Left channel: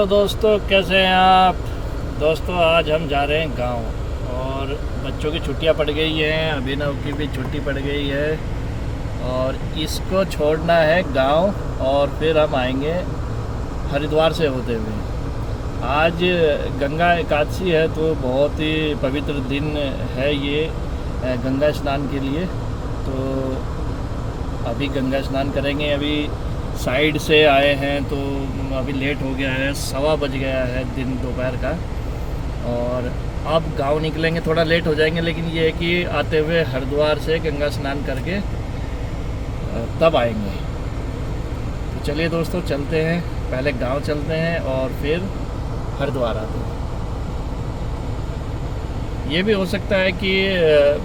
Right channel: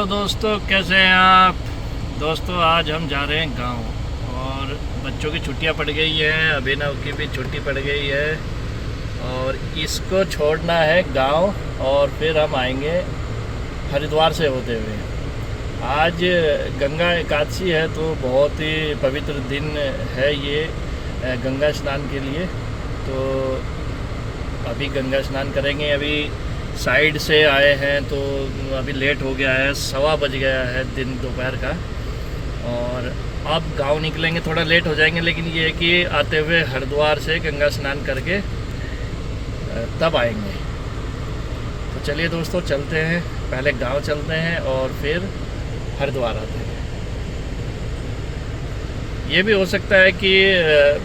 Hello दोस्तों, कैसे हैं आप। दोस्तों आज हम जा रहे हैं गांव और बच्चों की छुट्टियां पड़ गई हैं, अभिनव की भी छुट्टी पड़ गई है और इसको छोड़ना है गांव और फिर हम आएंगे हरिद्वार से होते हुए। आज गंगा एकादशी है तो बहुत ही पवित्र दिन है ये गंगा स्नान के लिए। तो अभी गंगा स्नान करेंगे। अभी साइड से आए हैं तो अभी लेट हो गया है, 1:15 बज गया है दिन दोपहर का और अब गांव निकलेंगे। थोड़ा लेट हो जाएंगे लेकिन ये है कि आते हुए हरिद्वार से गंगा स्नान करके तब आएंगे। तो चलिए दोस्तों चलते हैं, पहले गांव चलते हैं और फिर हरिद्वार आते हैं। ये भी हो सकता है कि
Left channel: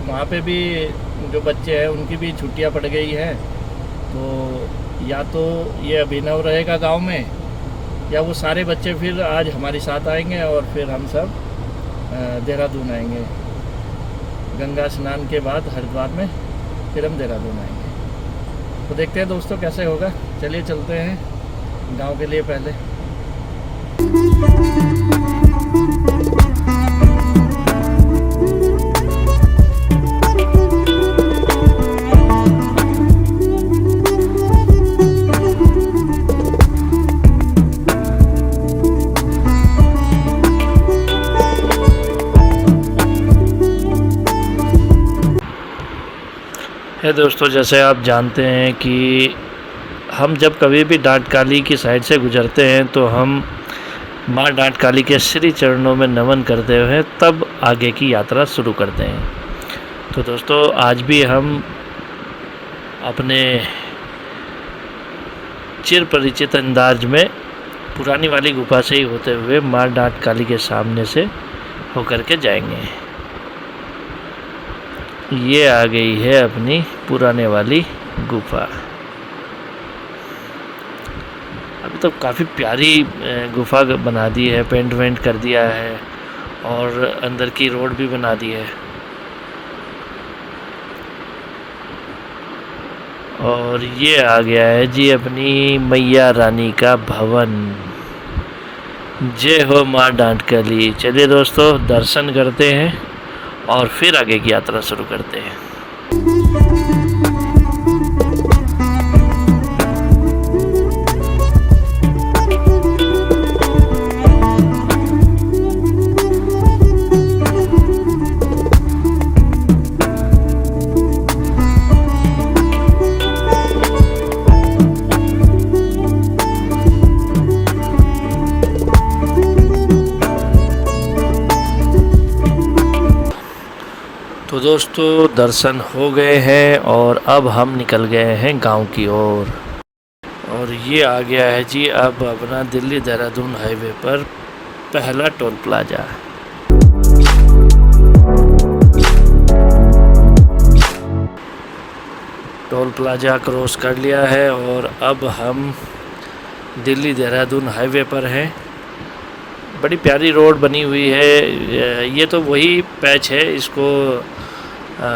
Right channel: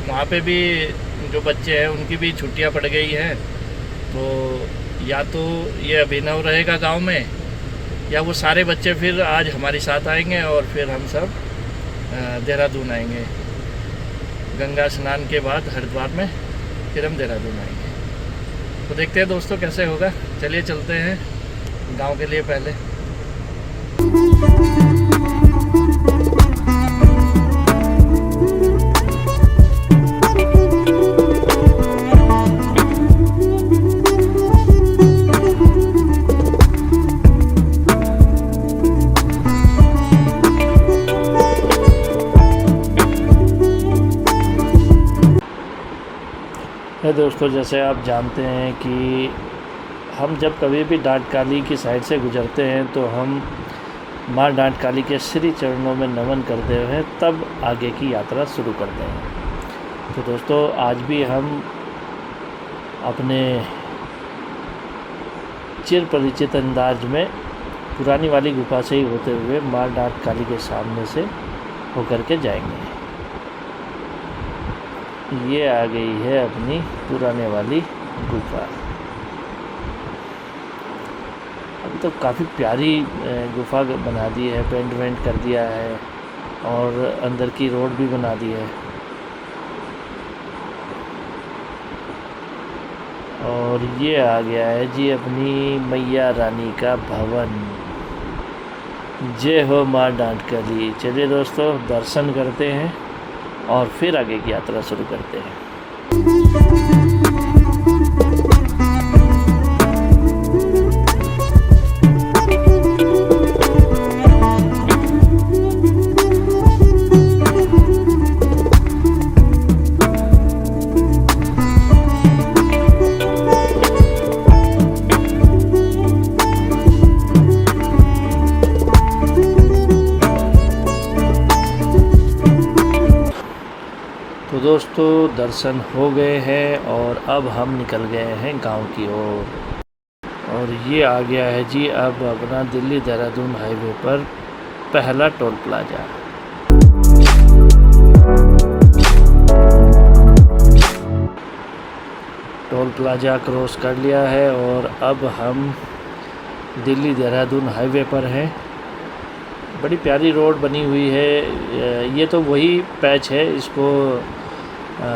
वहाँ पे भी जो बच्चे हैं उनकी भी छुट्टियाँ पड़ गई हैं, तो या तो ये अभिनव रहेगा गांव में या वो सारे बच्चे फिर आज हमारे साथ आएंगे और फिर हम सब देहरादून आएंगे। गंगा स्नान के बाद हरिद्वार में फिर हम देहरादून आएंगे। तो देखते हैं दोस्तों कैसे होगा। चलिए चलते हैं गांव के लिए पहले। दोस्तों जैसे आप जानते हैं कि हम जब कभी भी डांट काली की साइड से गुजरते हैं तो हम माँ डांट काली के श्री चरणों में नमन करते हुए तब आगे की यात्रा शुरू करते हैं। तो दोस्तों आज भी हम अपने चिर परिचित अंदाज में पुरानी वाली गुफा से ही होते हुए माँ डांट काली के सामने से होकर के जाएंगे। ये आ गई है अपनी पुराने वाली गुफा। अभी तो काफ़ी प्यारी गुफा बना दी है, पेंट वेंट कर दिया है और अंदर की रोड भी बना दी है। और ये आ गया है जी अपनी मैया रानी का भवन। जय हो माँ डांट काली। चलिए दोस्तों दर्शन करते हैं और फिर आगे की यात्रा शुरू करते हैं। तो दोस्तों दर्शन हो गए हैं और अब हम निकल गए हैं गांव की ओर। और ये आ गया है जी अब अपना दिल्ली देहरादून हाईवे पर पहला toll plaza. Toll plaza cross कर लिया है और अब हम दिल्ली देहरादून हाईवे पर हैं। बड़ी प्यारी रोड बनी हुई है। ये तो वही पैच है, इसको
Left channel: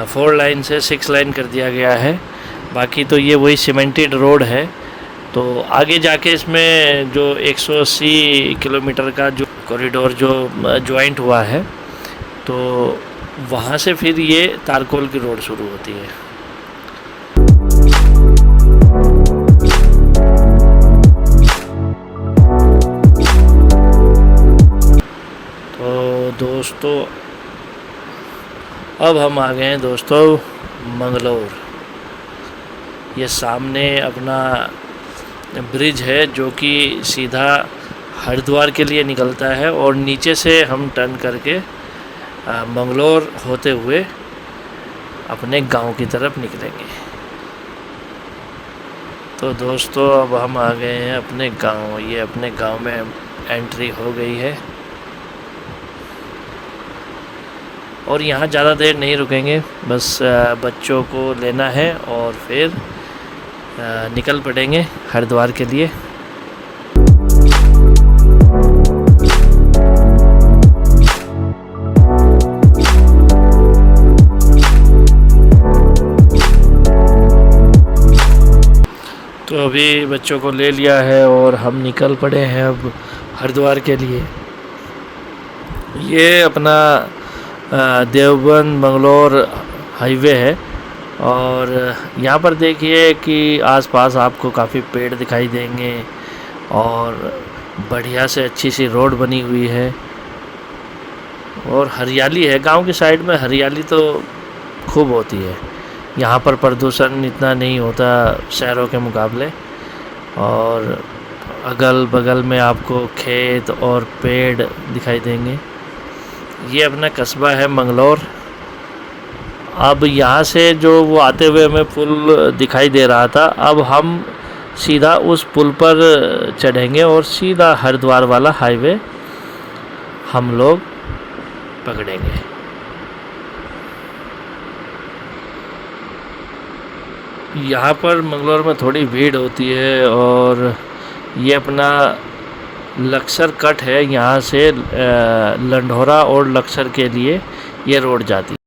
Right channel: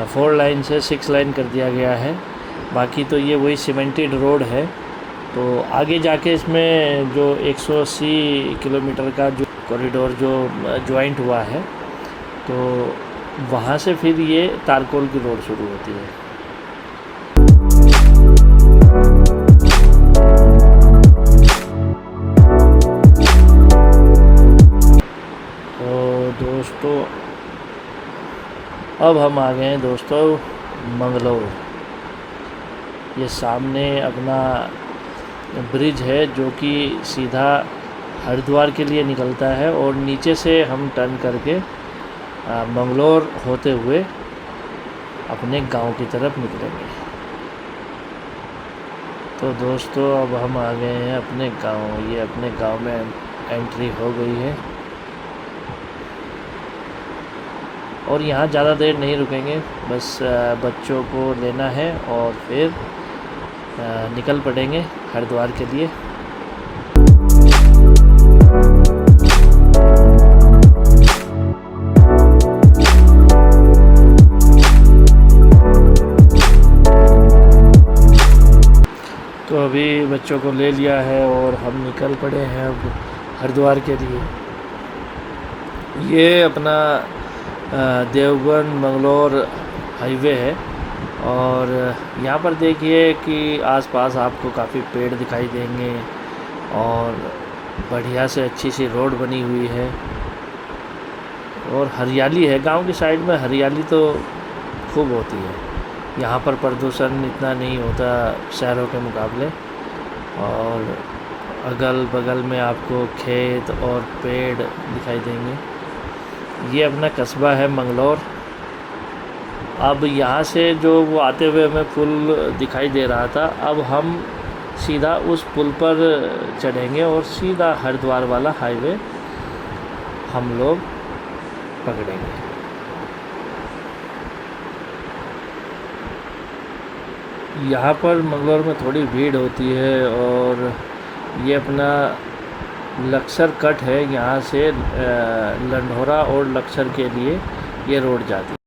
4 लाइन से 6 लाइन कर दिया गया है। बाकी तो ये वही सीमेंटेड रोड है। तो आगे जाके इसमें जो 180 किलोमीटर का जो कॉरिडोर जो ज्वाइंट हुआ है तो वहाँ से फिर ये तारकोल की रोड शुरू होती है। तो दोस्तों अब हम आ गए हैं दोस्तों मंगलौर। ये सामने अपना ब्रिज है जो कि सीधा हरिद्वार के लिए निकलता है और नीचे से हम टर्न करके मंगलौर होते हुए अपने गांव की तरफ निकलेंगे। तो दोस्तों अब हम आ गए हैं अपने गांव। ये अपने गांव में एंट्री हो गई है और यहाँ ज़्यादा देर नहीं रुकेंगे, बस बच्चों को लेना है और फिर निकल पड़ेंगे हरिद्वार के लिए। तो अभी बच्चों को ले लिया है और हम निकल पड़े हैं अब हरिद्वार के लिए। ये अपना देवबंद मंगलोर हाईवे है और यहाँ पर देखिए कि आसपास आपको काफ़ी पेड़ दिखाई देंगे और बढ़िया से अच्छी सी रोड बनी हुई है और हरियाली है। गांव की साइड में हरियाली तो खूब होती है। यहाँ पर प्रदूषण इतना नहीं होता शहरों के मुकाबले और अगल बगल में आपको खेत और पेड़ दिखाई देंगे। ये अपना कस्बा है मंगलोर। अब यहाँ से जो वो आते हुए हमें पुल दिखाई दे रहा था, अब हम सीधा उस पुल पर चढ़ेंगे और सीधा हरिद्वार वाला हाईवे हम लोग पकड़ेंगे। यहाँ पर मंगलोर में थोड़ी भीड़ होती है और ये अपना लक्सर कट है। यहाँ से लंढोरा और लक्सर के लिए ये रोड जाती है।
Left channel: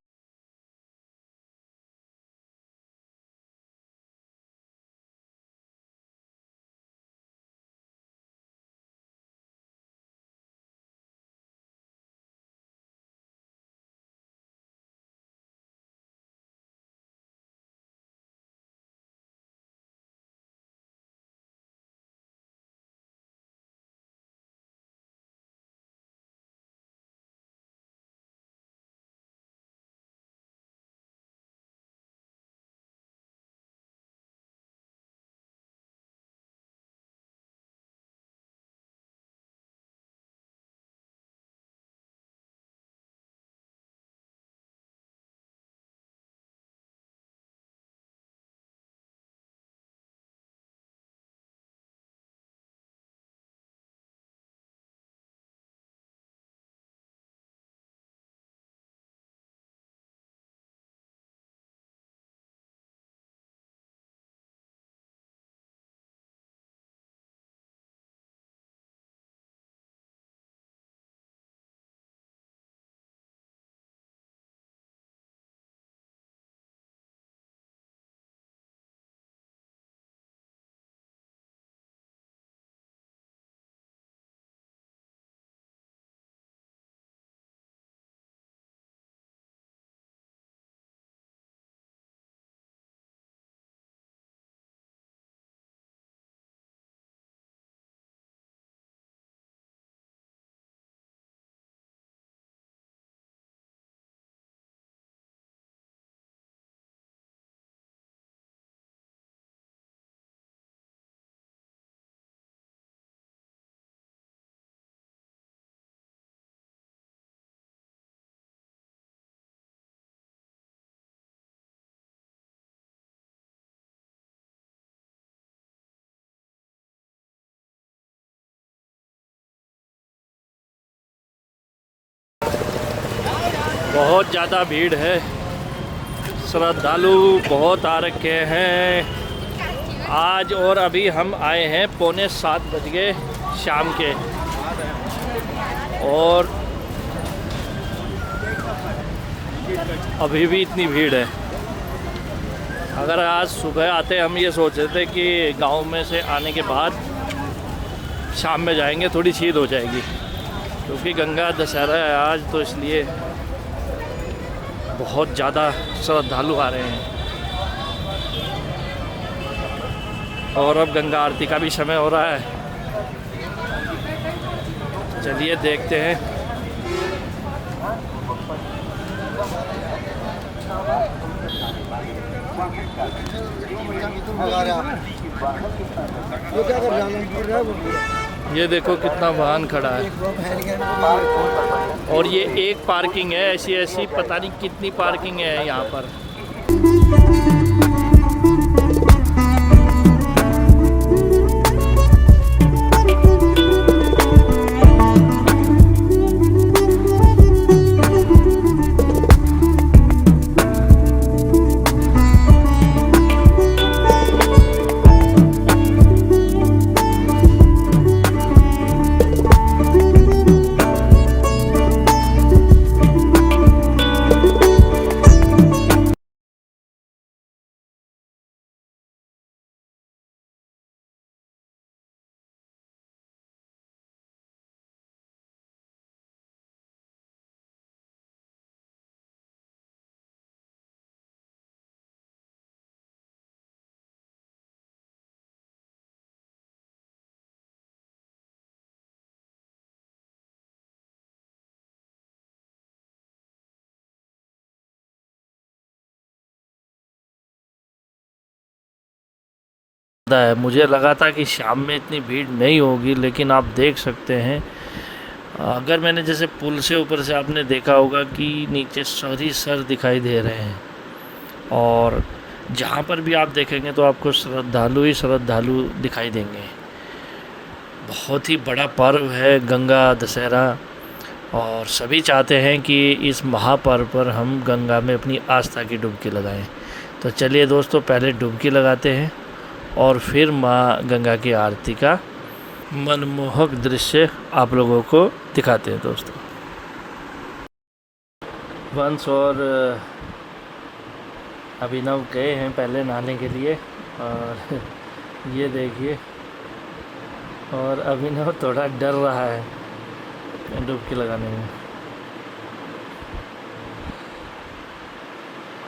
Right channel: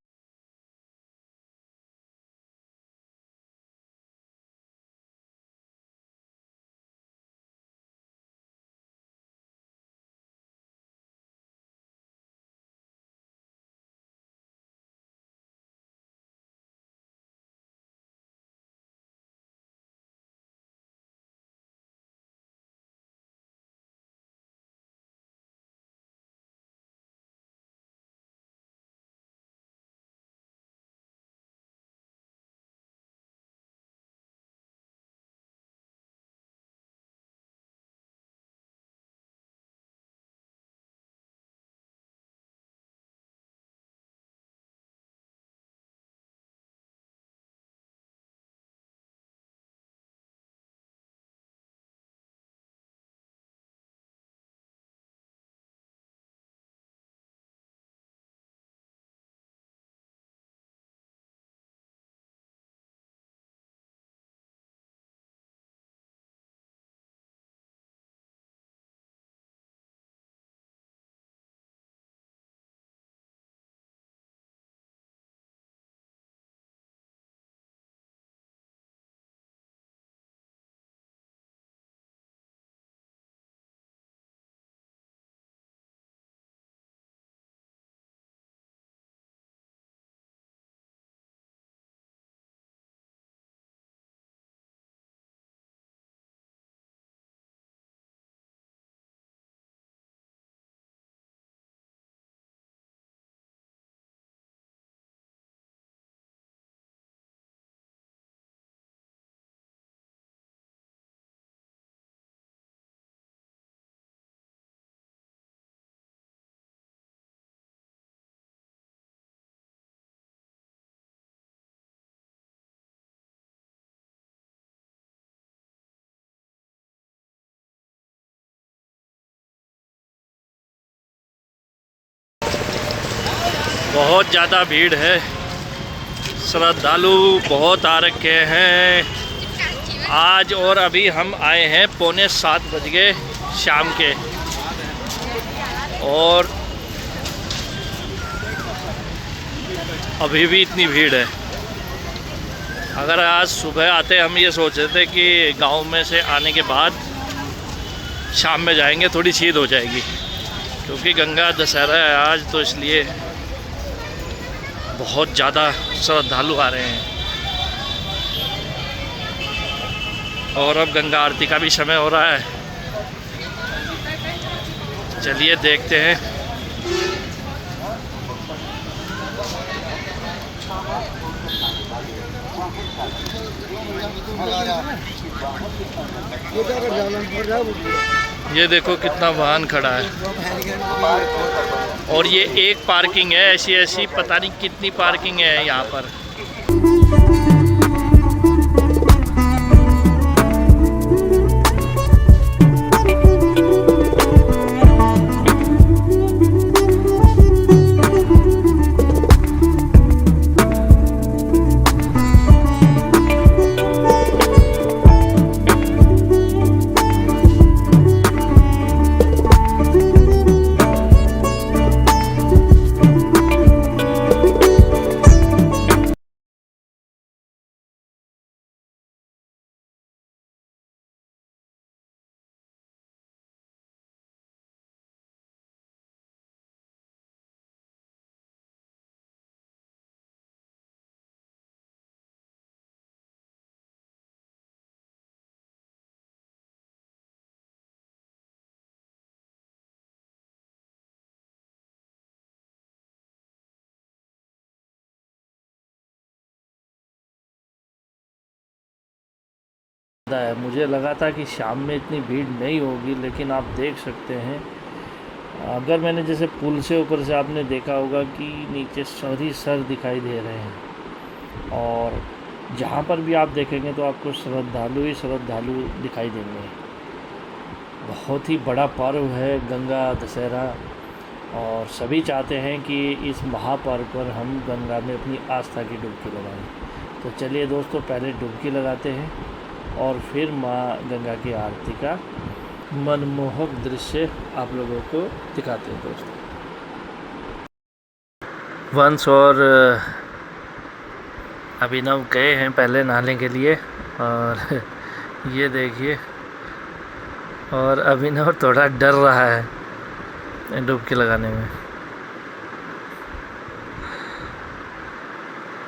बहुत ज़्यादा भीड़ है, श्रद्धालु बहुत आ रखे हैं आज। और अभी हम आए हैं 6:45 बज गए शाम के और अभी भी इतनी भीड़ है। अगर आज सुबह आते हम ये सोच रहे थे कि गांव में से आने के बाद शाम में जाएंगे, थोड़ी शीत हो जाएगी क्योंकि गंगा दशहरा है आज, तो इसलिए बहुत ज़्यादा श्रद्धालु आ रहे हैं। और अब गंगा आरती का भी समय हो रहा है, चलिए देखते हैं। ये देखो कितना वाहन खड़ा है और ये एक पार्किंग है, ऐसी पता नहीं कितनी पार्किंग है यहाँ पर। है। मुझे लगा था कि शाम में इतनी भीड़ नहीं होगी, लेकिन आप देख सकते हैं, अगर मैंने जैसे पुल से ऊपर से आपने देखा होगा कि नीचे सर ही सर दिखाई दे रहे हैं, और जहाँ पर भी आप देखेंगे तो आपको श्रद्धालु ही श्रद्धालु दिखाई देंगे। बहुत ही बड़ा पर्व है गंगा दशहरा, और सभी चाहते हैं कि इस महापर्व पर हम गंगा में अपनी आस्था की डुबकी लगाएं। तो चलिए दोस्तों, पहले डुबकी लगाते हैं और फिर माँ गंगा की आरती का मनमोहक दृश्य आप लोगों को दिखाते हैं दोस्तों। वंश और अभिनव गए हैं पहले नहाने के लिए, और ये देखिए, और अभिनव थोड़ा डर रहा है डुबकी लगाने में।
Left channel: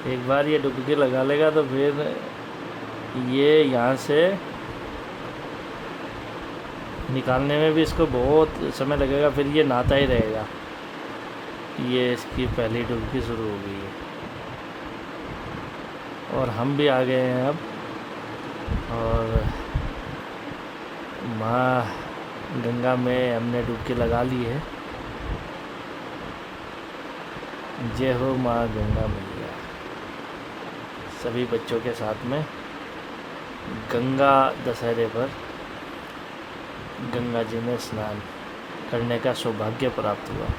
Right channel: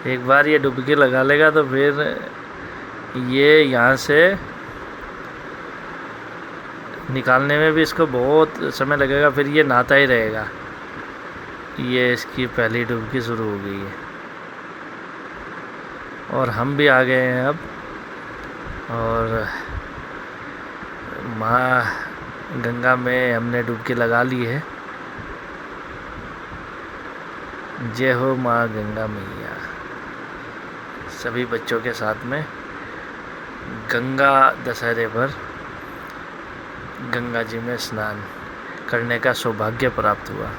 एक बार ये डुबकी लगा लेगा तो फिर ये यहाँ से निकालने में भी इसको बहुत समय लगेगा, फिर ये नहाता ही रहेगा। ये इसकी पहली डुबकी शुरू हो गई है, और हम भी आ गए हैं अब, और माँ गंगा में हमने डुबकी लगा ली है। जय हो माँ गंगा मैया। सभी बच्चों के साथ में गंगा दशहरे पर गंगा जी में स्नान करने का सौभाग्य प्राप्त हुआ।